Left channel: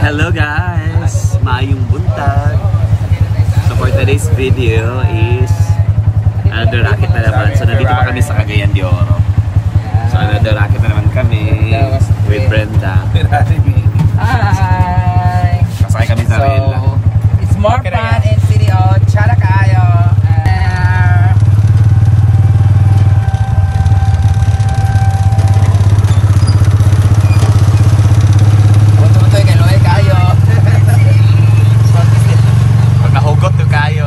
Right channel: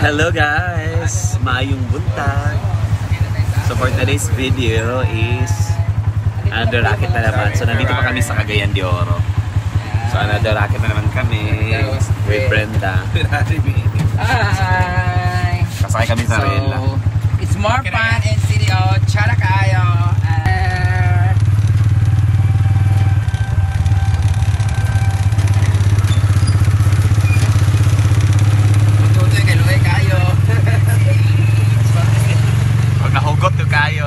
Hello guys! Maayong buntag! So for today's video is another racket na naman. So nandito pa kami sa Cagayan de Oro. So another racket na naman kami with Brenda. Hi! Kasakay kami sa Rela. It's more fun in City Out. Chara kayo! Nahugot to kayo.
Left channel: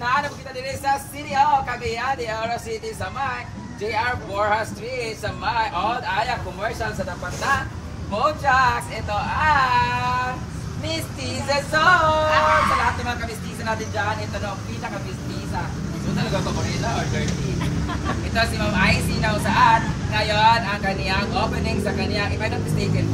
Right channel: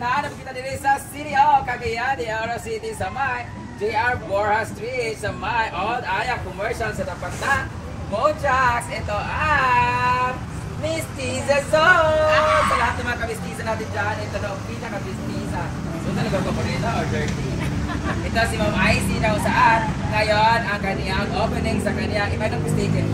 Nahanap kita dito sa City of Cagayan de Oro City sa may JR Borja Street sa may Old Aya Commercial sa tapat na Bojax. Ito ang Mestiza Zone. Sa lahat ng mga kabistisa natin dyan, ito na ang pinaka-bistisa. So talaga kaporila or dirty? Ito si Ma'am Icy na saan ngayon ang kaniyang opening sa kaniyang, if I'm not mistaken,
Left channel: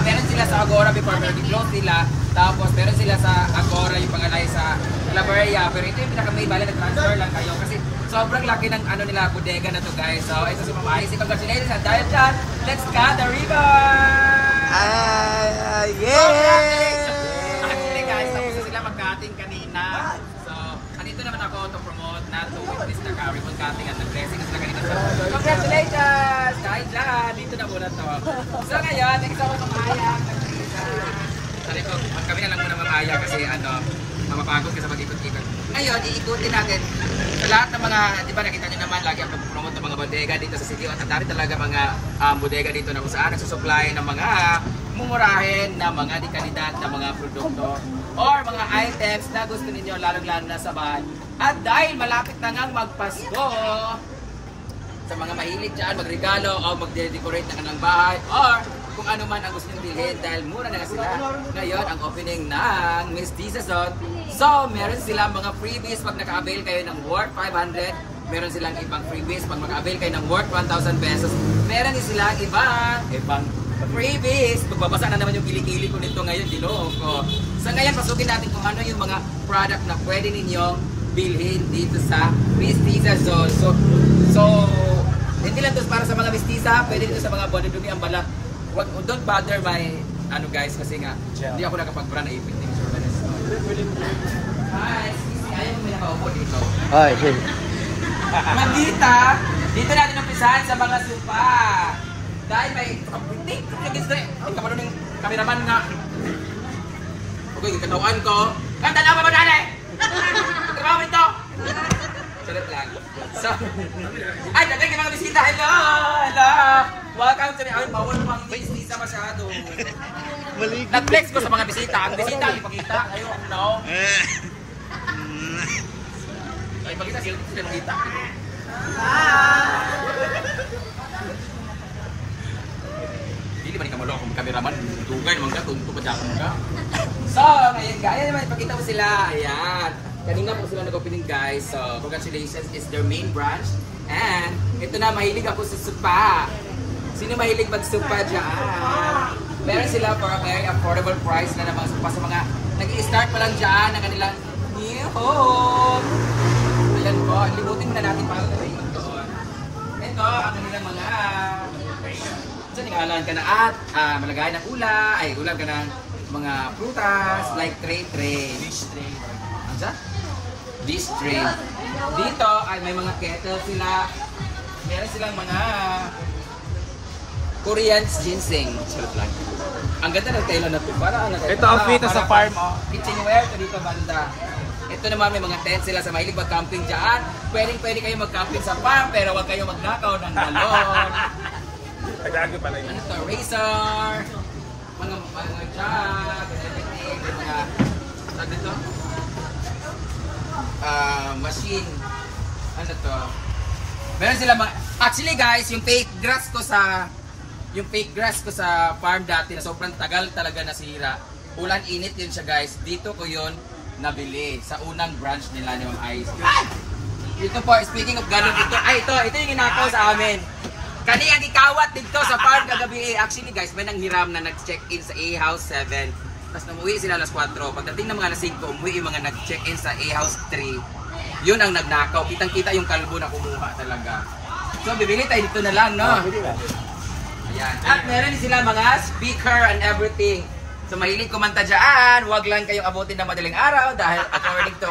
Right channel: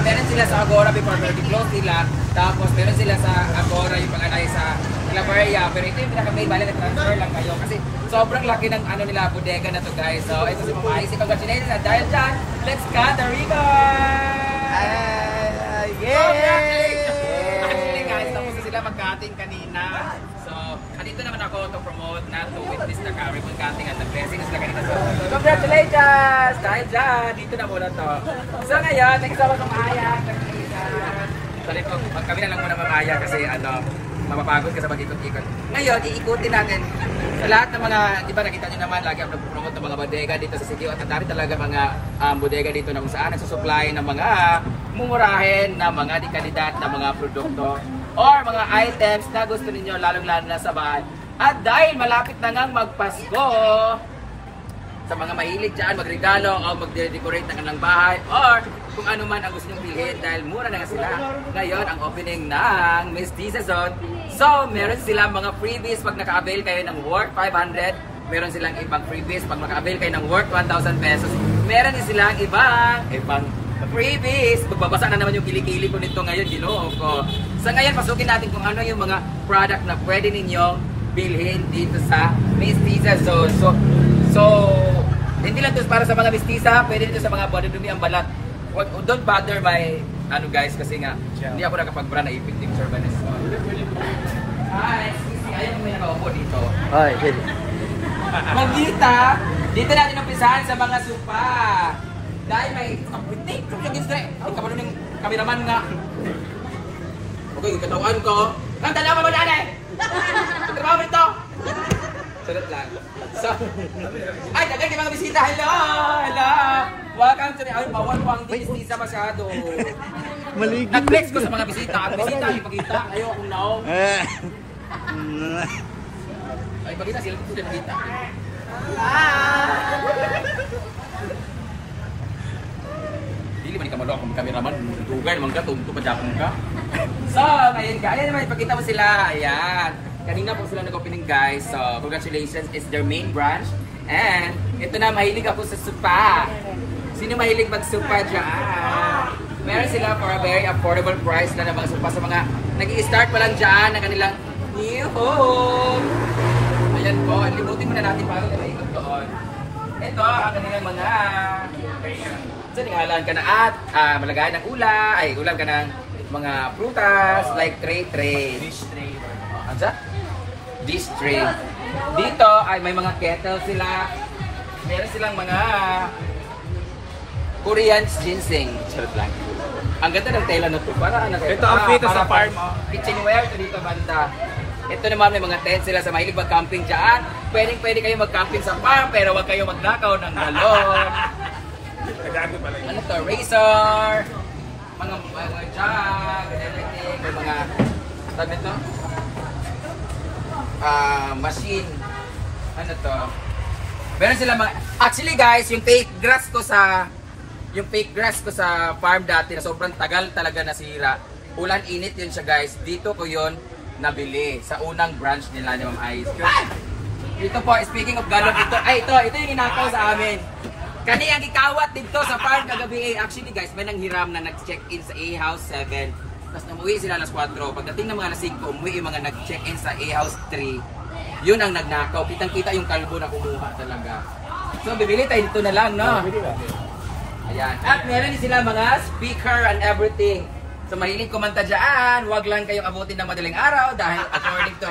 meron sila sa Agora before close sila. Tapos meron sila sa Agora yung pangalay sa Claveria. Pero ito yung pinaka-main, bala na-transfer lang kayo. Kasi sobrang laki ng ano nila, bodega na to guys. So ito si Mama Icy. Congratulations at dahil dyan, let's cut the ribbon! Actually guys, tapos na sila mag-cutting kanina. So, andito naman ako to promote na to witness na ribbon cutting at nag-dressing sila kanina. So, congratulations! Dahil dyan, dito na muna to. So ngayon, thanks ako mamaya. Sorry ko, kami na lang muna mamaya kasi ano, mapapagod ka sa pag-ikot-ikot. Ngayon, iikutin natin sa lahat ng mga, di ba nakita nyo naman, lagi ako nag-promote ng mga bodega dito sa City. At ang dami talaga mga bodega dito na kung saan nagsusupply ng mga mumurahin na mga di-kalidad na mga produkto or mga items na gusto ninyo lalong-lalo na sa bahay. At dahil malapit na ngang magpasko, sa mga mahilig dyan, magregalo o mag-decorate ng kanilang bahay or kung ano man ang gusto nyo bilhin dahil mura na sila. Ngayon, ang opening ng Mestiza Zone. So, meron silang mga freebies pag naka-avail kayo ng worth 500. Meron silang ibang freebies pag maka-avail kayo ng worth 1,000 pesos. Meron din silang ibang freebies. Magbabasa na naman yung kilikili ko nito ngayon, ginoo ko. So ngayon, pasukin natin kung ano yung mga product na pwede ninyong bilhin dito sa Mestiza Zone. So hindi lang ito para sa mga mestiza, pwede dito sa mga body-dumi ang balat. Don't bother my, ano guys, kasi nga, hindi ako nakapag-bra na ipit yung surveillance. Hi, ayaw mo may nakaupo dito. Ay, sige. Magdita, dito natin umpisahan sa mga sopa. Dahil may, hindi ka pa nun yung kameraman nga. Okay, katawan ko. Ang dalawa pa ba nanay? Trabaho mo ito? Sulit lang. So, ay, nagay kayo mga bisita. Hello! Hello! Welcome to the bawal pang bisita masyado. Nag-flex ko sa mga bisita. Ang bisita, ipakita. Ayaw akong now. Ay, ipakita. Sila dito sila makita. Dili ba ni kamalo akong cameraman? Tugay naman ka, tunto pa dyan ka. So, ngayon guys, naman ipakita mo sila. Ayan. Kanina po sila nag-opening guys. So, congratulations. It's their main branch. And, ito na, mahilig ako sa supa. Sino mahilig mag-supa dyan? Meron sila for a very affordable price na mga supa sa mga nag-i-start pa lang dyan ng kanilang new home. Ayan po, limutin muna natin para na ikot doon. Ito, ang kanilang mga so, ningalan ka na at malagayan ng ulam ka ng mga prutas like tray. Dish tray. Ansa? Dish tray. Dito ay may mga kettle sila. Meron silang mga Korean ginseng. Charot lang. Ang ganda ng tela na to. Para ano ito ang pito sa farm. Kitchenware to dito banda. Ito naman may mga tent sila sa mahilig mag-camping dyan. Pwede kayo mag-camping sa farm pero huwag kayo magnakaw ng galon. Ano to? Razor. Mga jug and everything. May mga tag nito? Machine. Ano to? Meron sila mga actually guys, yung fake grass ko sa farm dati na sobrang tagal talaga nasira. Ulan init yun siya guys. Dito ko yun nabili sa unang branch nila ni Ma'am Ice. Dito po, speaking of galon dito. Ay, ito yung inakaw sa amin. Kani ang ikawat dito sa farm kagabi. Actually guys, may nanghiram na nag-check-in sa A House 7. Tapos umuwi sila alas 4. Pagdating ng mga alas 5, umuwi yung mga nag-check-in sa A-House 3. Yun ang nagnakaw. Kitang-kita yung kalbo na kumuha talaga. So, bibili tayo dito na lang, no? Ayan. At meron sila mga speaker and everything. So, mahilig kumanta dyan. Huwag lang kayong abutin ng madaling araw dahil according to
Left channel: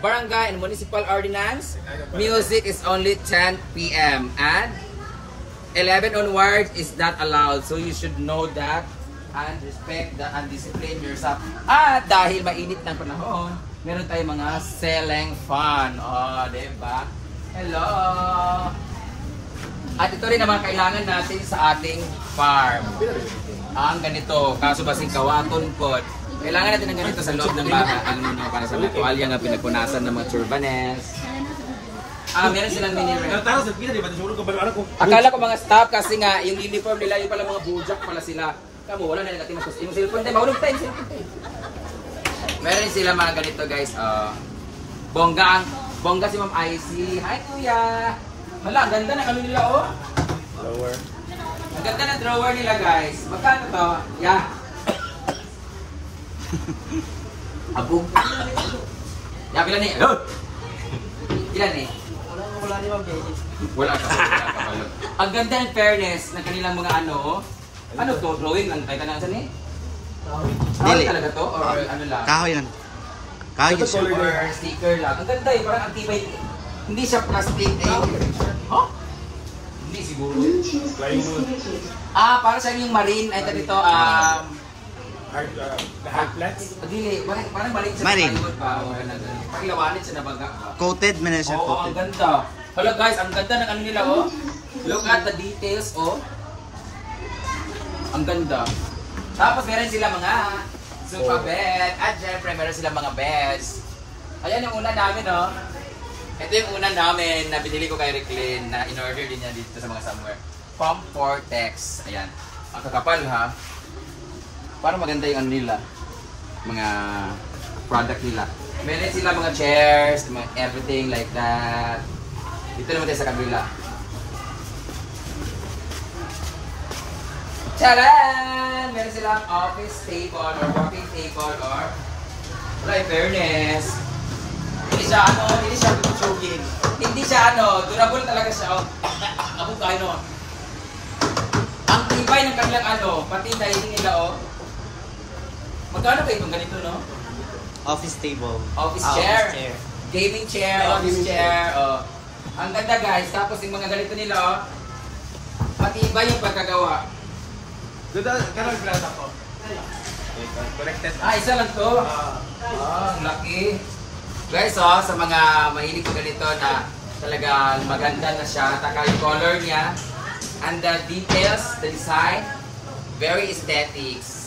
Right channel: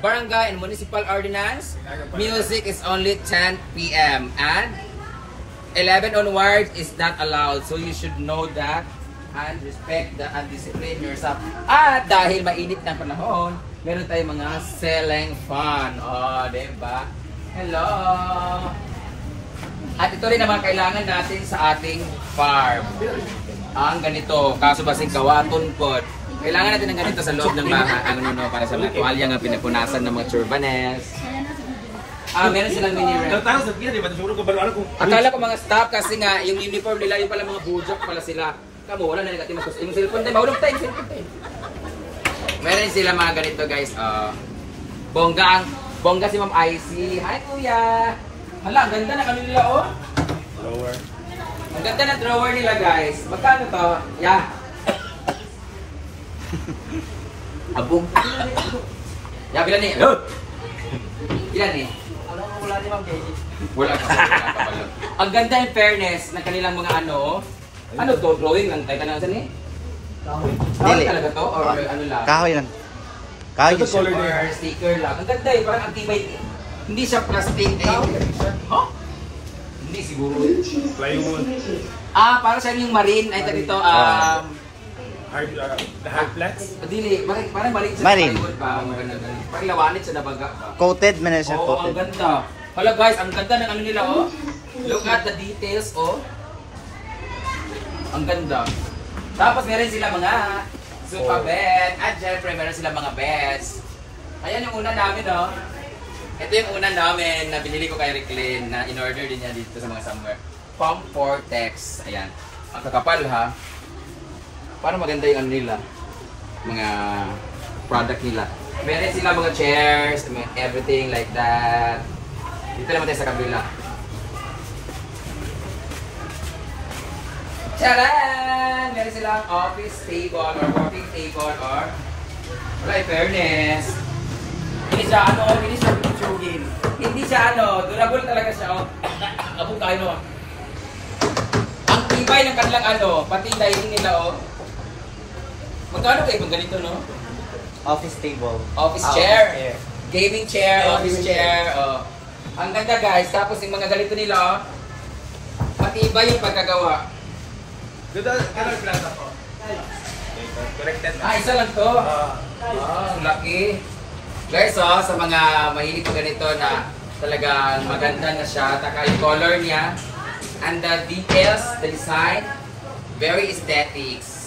Barangay and Municipal Ordinance, music is only 10 p.m. and 11 onwards is not allowed. So, you should know that and respect and discipline yourself. At dahil mainit ng panahon, meron tayong mga ceiling fan. Oh, diba? Hello! At ito rin naman kailangan natin sa ating farm. Ang ganito, kaso basing kawaton po. Kailangan natin ng ganito sa loob ng bahay. Para sa mga tuwalya nga pinapunasan ng mga turbanes. Meron silang mini-rent. Akala ko mga staff kasi nga, yung uniform nila, yung pala mga bujak pala sila. Kamu, wala na negative mas yung cellphone tayo, mahulog tayo, cellphone tayo. Meron sila mga ganito guys, bongga si Ma'am Icy. Hi kuya! Hala, ang ganda na kami nila oh. Drawer. Ang ganda na drawer nila guys. Magkano to? Yeah. Abong. Yeah, pila ni? Ilan ni? Wala ni Ma'am JJ. Wala ka pala. Ang ganda in fairness ng kanilang mga ano to? Drawing lang tayo ka na saan eh? Kahoy talaga to? Or ano lang? Kahoy lang. Kahoy siya. Or sticker lang. Ang ganda eh, parang activate. Hindi siya plastic eh. Huh? Hindi siguro. Para sa yung marine ay dito hard flats? Dili, parang marine sa plywood ba? Parang lawanit sa nabaga ba? Coated man na siya, coated. Ang ganda. Hala guys, ang ganda ng ano nila oh. Look at the details oh. Ang ganda. Tapos meron sila mga sofa bed. At syempre meron sila mga beds. Ayan yung una namin oh. Ito yung una namin na binili ko kay Reclin na in-order din niya dito sa mga somewhere. Pump Vortex. Ayan. Ang kakapal ha. Parang maganda yung ano nila. Mga product nila. Meron sila mga chairs, everything like that. Dito naman tayo sa kabila. Charan! Meron silang office table or working table or wala, fairness. Hindi siya hindi siya sugin. Hindi siya durable talaga siya. Abong kayo ang tibay ng kanilang pati lighting nila Magkano kayo bang ganito Office table. Office chair. Gaming chair, office chair. Ang ganda guys, tapos yung mga ganito nila matibay yung pagkagawa. Isa lang to. Ang laki. Guys, sa mga mahilig ko ganito na talagang maganda na siya. Taka yung color niya. And the details, the design, very aesthetics.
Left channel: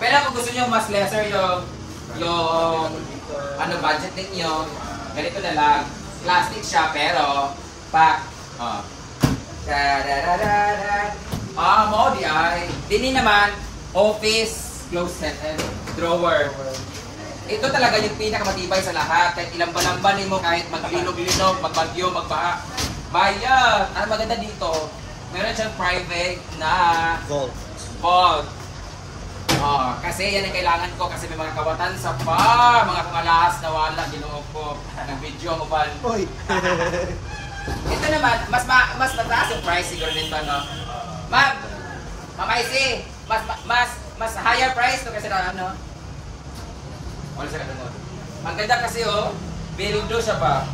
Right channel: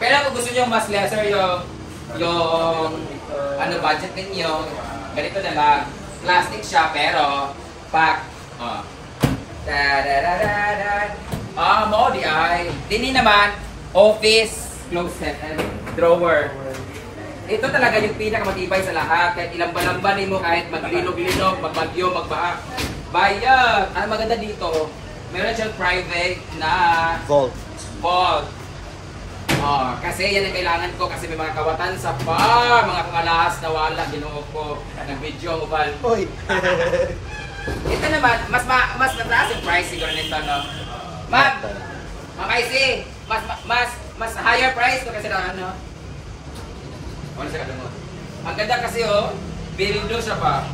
Pero kung gusto nyo mas lesser yung budget ninyo, ganito na lang. Plastic siya pero pack. Mo di ay. Dini naman, office closet drawer. Ito talaga yung pinakamatibay sa lahat. Kahit ilang balamba mo, kahit maglinog-linog, magbagyo, magbaha. Bayad! Ang maganda dito, meron siyang private na vault. Kasi yan ang kailangan ko kasi may mga kawatan sa farm. Mga kumalahas na wala, ginoo ko. Nag-video mo ba? Ito naman, mas mataas yung price siguro nito, no? Ma'am, makaisi, mas higher price to kasi ang ganda kasi bildo siya pa.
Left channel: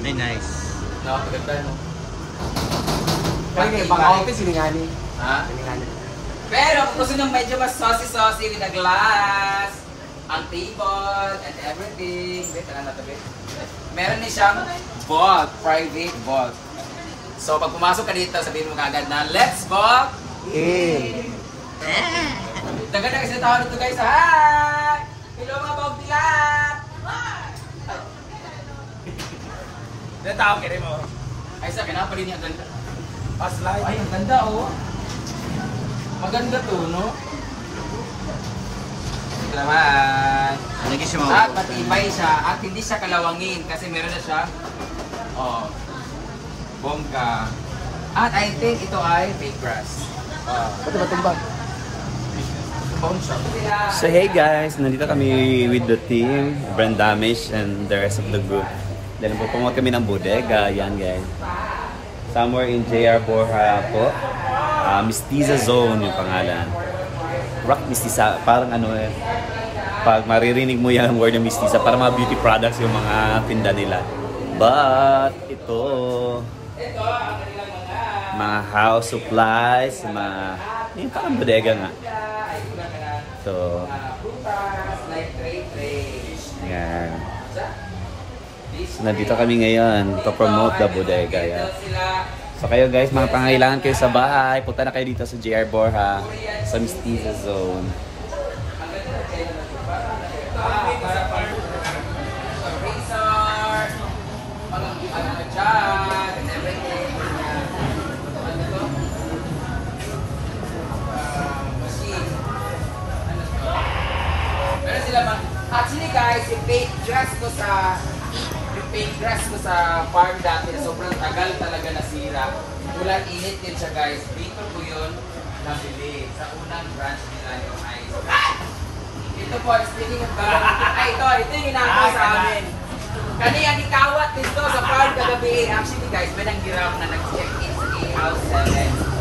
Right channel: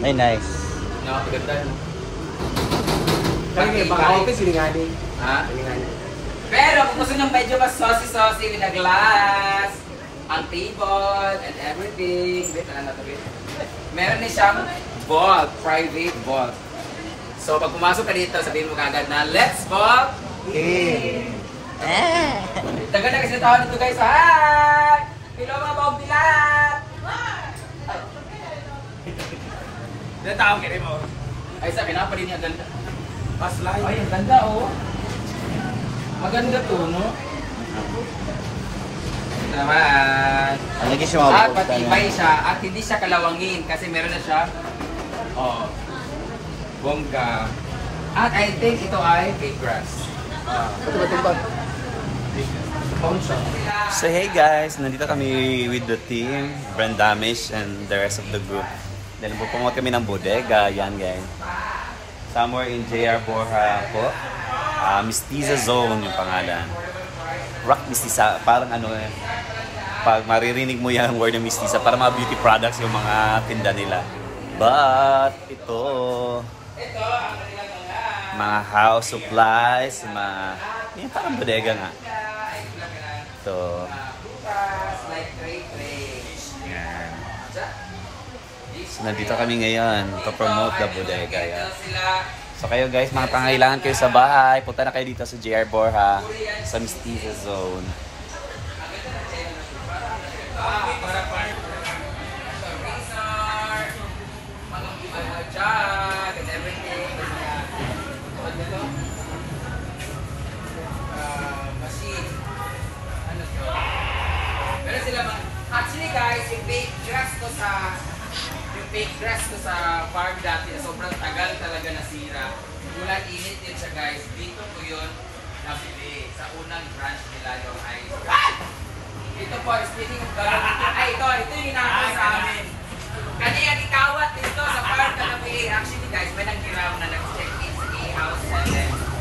Ay, nice. Ang ganda. Pag-office, silinganin. Ha? Pero kung gusto nyo medyo mas saucy with a glass, ang table, and everything. Wait, meron na siyang vault, private vault. So pag pumasok ka dito, sabihin mo kagad na, let's vault in. Taga na kasi natawa nito guys. Hi! Hello mga bawag nila! Natawag ka rin mo. Ay sa akin, pa rin yung ganda. Paslay. Ay, ang ganda Maganda to, no? Salamat! Lagi siya At mabuksan. patibay siya at hindi siya kalawangin kasi meron na siya bongga. At I think ito ay fake grass. So hey guys, nandito kami with the team, Brand Damish and the rest of the group. Dahil pupungot kami ng bodega, yan guys. Somewhere in JR Borja po. Mestiza Zone yung pangalan. Rock Mestiza, parang ano eh. Pag maririnig mo yung word ng Mestiza, para mga beauty products yung mga tinda nila. But ito, mga house supplies, mga yung parang bodega nga. Ito. Yan. So, nandito kami ngayon to promote the bodega. Yan. So kayo guys, mga pangailangan kayo sa bahay, punta na kayo dito sa JR Borja, sa Mestiza Zone. Actually guys, yung fake grass ko sa farm dati na sobrang tagal talaga nasira. Ulan init din siya guys. Dito ko yun nabili sa unang branch nila yung ice. Ito po, speaking of galon, ito yung inaano sa amin. Kaniyang ikawat dito sa farm kagabi. Actually guys, may nang giraw na nag-check in sa house.